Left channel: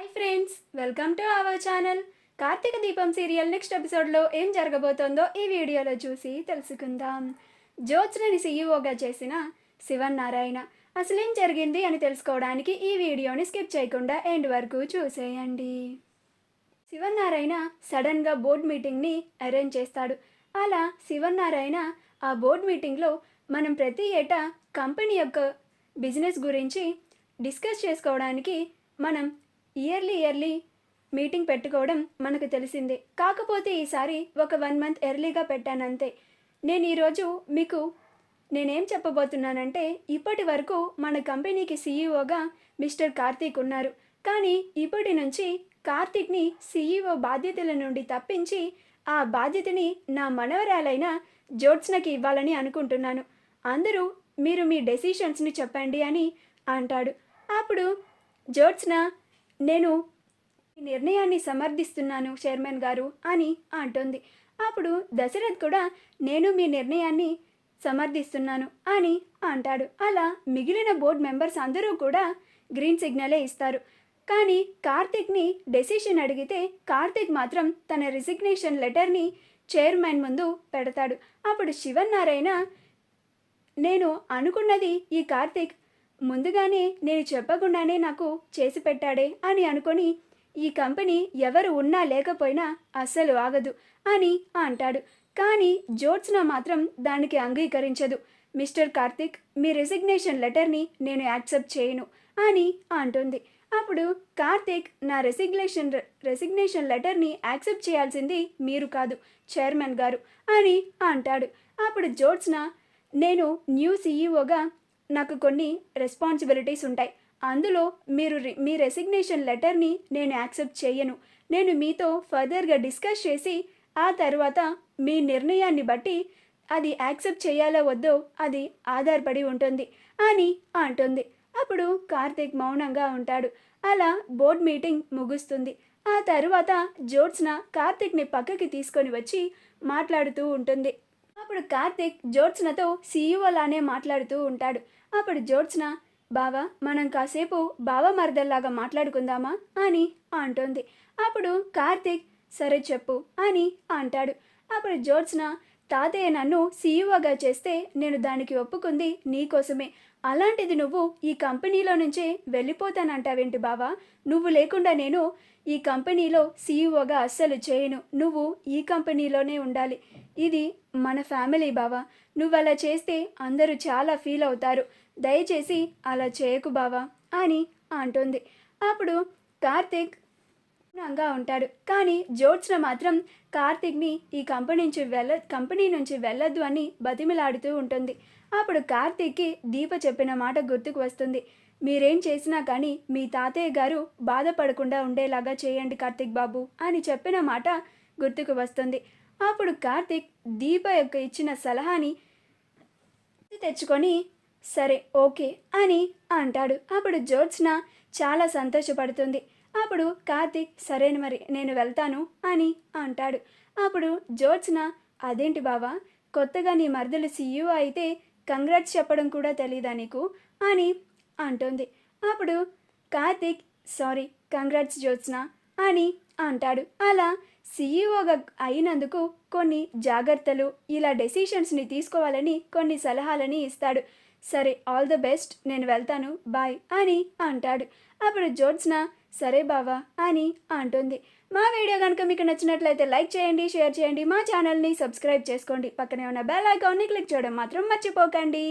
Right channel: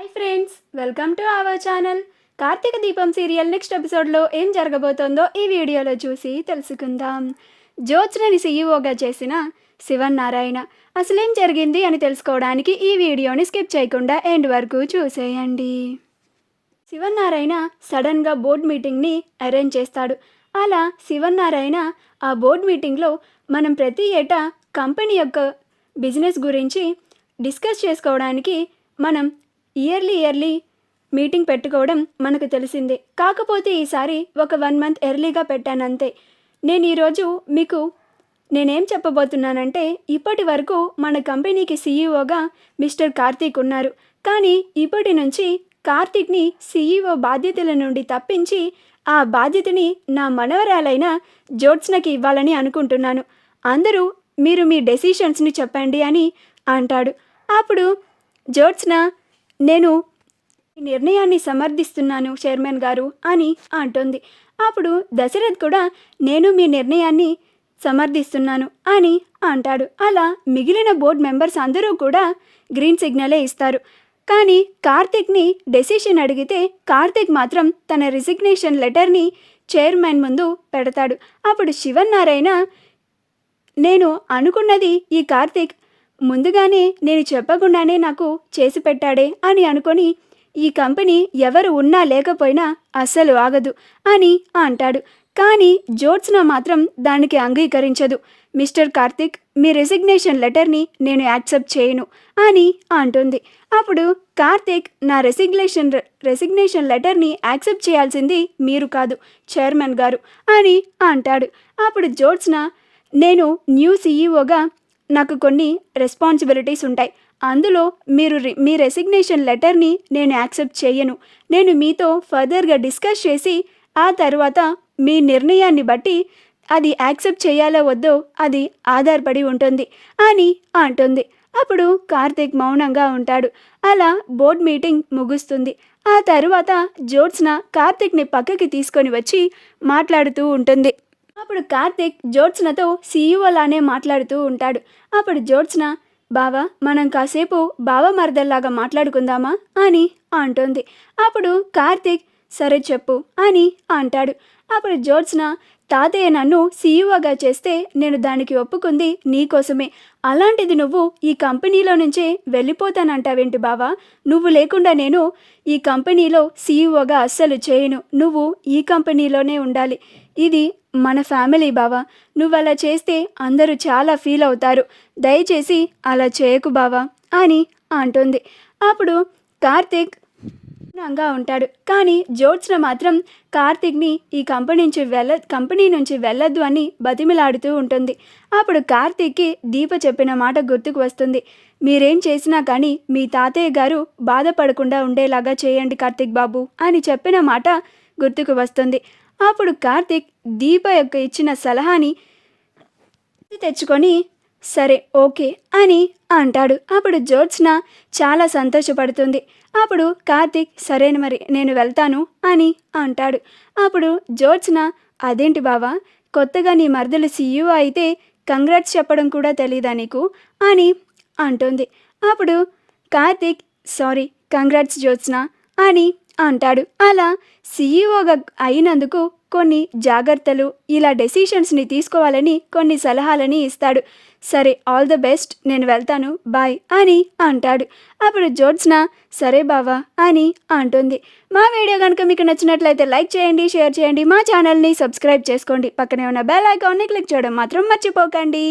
Hi friends, welcome to our channel. Karthika Deepam serial next ఎపిసోడ్లో ఏం జరగబోతోందో ఈ వీడియోలో చూసి తెలుసుకుందాం. జ్యోత్స్నని సీఈఓగా చేసిన శివన్నారాయణ అసలేం జరిగింది అని తెలుసుకోవడానికి ఈ వీడియోని స్కిప్ చేయకుండా ఎండ్ వరకు చూసేయండి. శివన్నారాయణ సడన్గా బోర్డ్ మీటింగ్ని అరేంజ్ చేస్తాడు. అలా శివన్నారాయణ ఆ బోర్డ్ మీటింగ్లో మనం ప్రతి ఏటా కంపెనీ యొక్క బిజినెస్ గురించి డిస్కస్ చేసుకోవడానికి మనం ఇయర్లీ మీటింగ్ పెట్టుకోవడం మనకు తెలిసిందే. కాకపోతే ఈసారి ఒక 1 మంత్ ఎర్లీగా పెట్టానంతే. నేను ఈరోజు మీకు నేనేం చెప్పబోతున్నానంటే, ఇప్పటి వరకు మన కంపెనీకి సీఈఓగా మిస్టర్ కార్తీక్ ఉన్నారు. కానీ ఇప్పటి నుంచి కార్తీక్ని సీఈఓ బాధ్యతల నుండి తప్పించి ఆ బాధ్యతని నా మనవరాలైన జ్యోత్స్నకి ఇవ్వాలని అనుకుంటున్నాను. అందరూ మీరు మీ డెసిషన్స్ని చెప్పండి అని అంటాడు. అప్పుడు జ్యోత్స్న, నేను ఈ నిర్ణయాన్ని సమర్థిస్తున్నాను చైర్మన్ గారు అని అంటుంది. అప్పుడు దశరథ్ కూడా నేను మీ నిర్ణయాన్ని సమర్థిస్తున్నాను అని అంటాడు. అలా మిగిలిన బోర్డ్ మెంబర్స్ అందరూ కూడా గ్రీన్ సిగ్నలే ఇస్తారు. కానీ కార్తీక్ని డెసిషన్ అడిగితే కార్తీక్ మాత్రం తన రిజిగ్నేషన్ లెటర్ని చైర్మన్ ముందు పెడతాడు. అప్పుడు శివన్నారాయణ, నేను అనుకున్నది ఈ కార్తీక్ ముందుగానే నేను చెప్పకుండానే నాకు చేసి పెట్టాడే అని అనుకొని ఈ కంపెనీ ఎవరు ఉన్నా లేకపోయినా అస్సలు ఆగదు అని అంటాడు. కానీ జ్యోత్స్న మాత్రం దానికి అంగీకరించదు. మిస్టర్ కార్తీక్, మీ రెసిగ్నేషన్ లెటర్ని నేను యాక్సెప్ట్ చేయను అని అంటుంది. అప్పుడు కార్తీక్, నా రెసిగ్నేషన్ లెటర్ని యాక్సెప్ట్ చేయాల్సింది మీరు కాదు చైర్మన్ గారు అని అంటాడు. అప్పుడు జ్యోత్స్న, నేను న్యూ సీఈఓగా నాకు కొన్ని రెస్పాన్సిబిలిటీస్ ఉంటాయి. అందులో మీ రెసిగ్నేషన్ లెటర్ని నేను యాక్సెప్ట్ చేయను. నేను మీతో ఫర్దర్గా డిస్కస్ చేసి ఆ తర్వాత మీ నిర్ణయాన్ని బట్టి అది యాక్సెప్ట్ చేయాలో వద్దో అది ఆధారపడి ఉంటుంది అని అంటుంది. అప్పుడు కార్తీక్ మౌనంగా ఉంటాడు. అలా బోర్డ్ మీటింగ్ ముగుస్తుంది. ఆ తర్వాత జ్యోత్స్న కార్తీక్ని పక్కకి తీసుకొని వచ్చి మాట్లాడుతూ ఉంటుంది. అప్పుడు కార్తీక్ జ్యోత్స్నతో సీఈఓలానే మాట్లాడుతూ ఉంటాడు. అప్పుడు జ్యోత్స్న, బావా, మనం కాసేపు బావ మరదల్లాగా మాట్లాడుకుందామా అని అంటుంది. అప్పుడు కార్తీక్, సరే చెప్పు అని అంటాడు. అప్పుడు జ్యోత్స్న, తాతయ్య నన్ను సీఈఓగా చేస్తే నేను దానికి ఒప్పుకుంది నీకోసమే. అలాంటిది నువ్వు ఈ కంపెనీలో నుంచే వెళ్ళిపోతానంటావేంటి బావా? నువ్వు లేకుండా నేను ఈ కంపెనీలో సీఈఓగా అస్సలు చేయను. నువ్వు ఈ కంపెనీలోనే ఉండాలి. ఇది మన ఫ్యామిలీ బావా. నువ్వు అలా చేస్తే అందరూ చాలా ఫీల్ అవుతారు. దయచేసి అలా చేయకు బావా అని అంటుంది. అప్పుడు కార్తీక్ గా ఉంటాడు. కానీ జ్యోత్స్న మాత్రం కార్తీక్ని ఈ కంపెనీ నుంచి వెళ్ళొద్దు అని బతిమిలాడుతూ ఉంటుంది. అప్పుడు కార్తీక్కి దీప చెప్పిన మాట గుర్తుకు వస్తుంది. మీరేం చేసినా కానీ మీ తాతయ్య గారు బాధపడకుండా ఉండేలాగా చేయండి కార్తీక్ బాబు అని చెప్పిన మాట గుర్తుకు వస్తుంది. అప్పుడు కార్తీక్ దీప యొక్క ఇచ్చిన సలహాని తెచ్చుకొని సరే ఓకే అని అంటాడు. అప్పుడు జ్యోత్స్న చాలా సంతోషపడుతుంది. అప్పుడు కార్తీక్, సరే మరి నేను వెళ్తాను అని అంటాడు. అప్పుడు జ్యోత్స్న, అదేంటి బావా, కొత్తగా నీ మరదలు సీఈఓ అయితే కంగ్రాట్స్ చెప్పడం కూడా తెలీదా నీకు అని అంటుంది. అప్పుడు కార్తీక్, సారీ, కంగ్రాట్స్ జ్యోత్స్న అని అంటాడు. అలా సీఈఓగా అయినందుకు కొన్ని జాగ్రత్తలు, ఇలా డెసిషన్స్ని తీసుకోవాలని కొన్ని సలహాలని ఇస్తాడు. సరే, ఆల్ ద బెస్ట్, నేను వెళ్తాను, బాయ్ అని అంటాడు. అప్పుడు జ్యోత్స్న, సరే బావా అని అంటుంది. మా వీడియో కనుక మీకు నచ్చినట్లయితే లైక్ చేయండి, షేర్ చేయండి, మా ఛానల్ని సబ్స్క్రైబ్ చేసుకోండి. పక్కనే ఉన్న బెల్ ఐకాన్ని క్లిక్ చేయడం మాత్రం మర్చిపోకండి.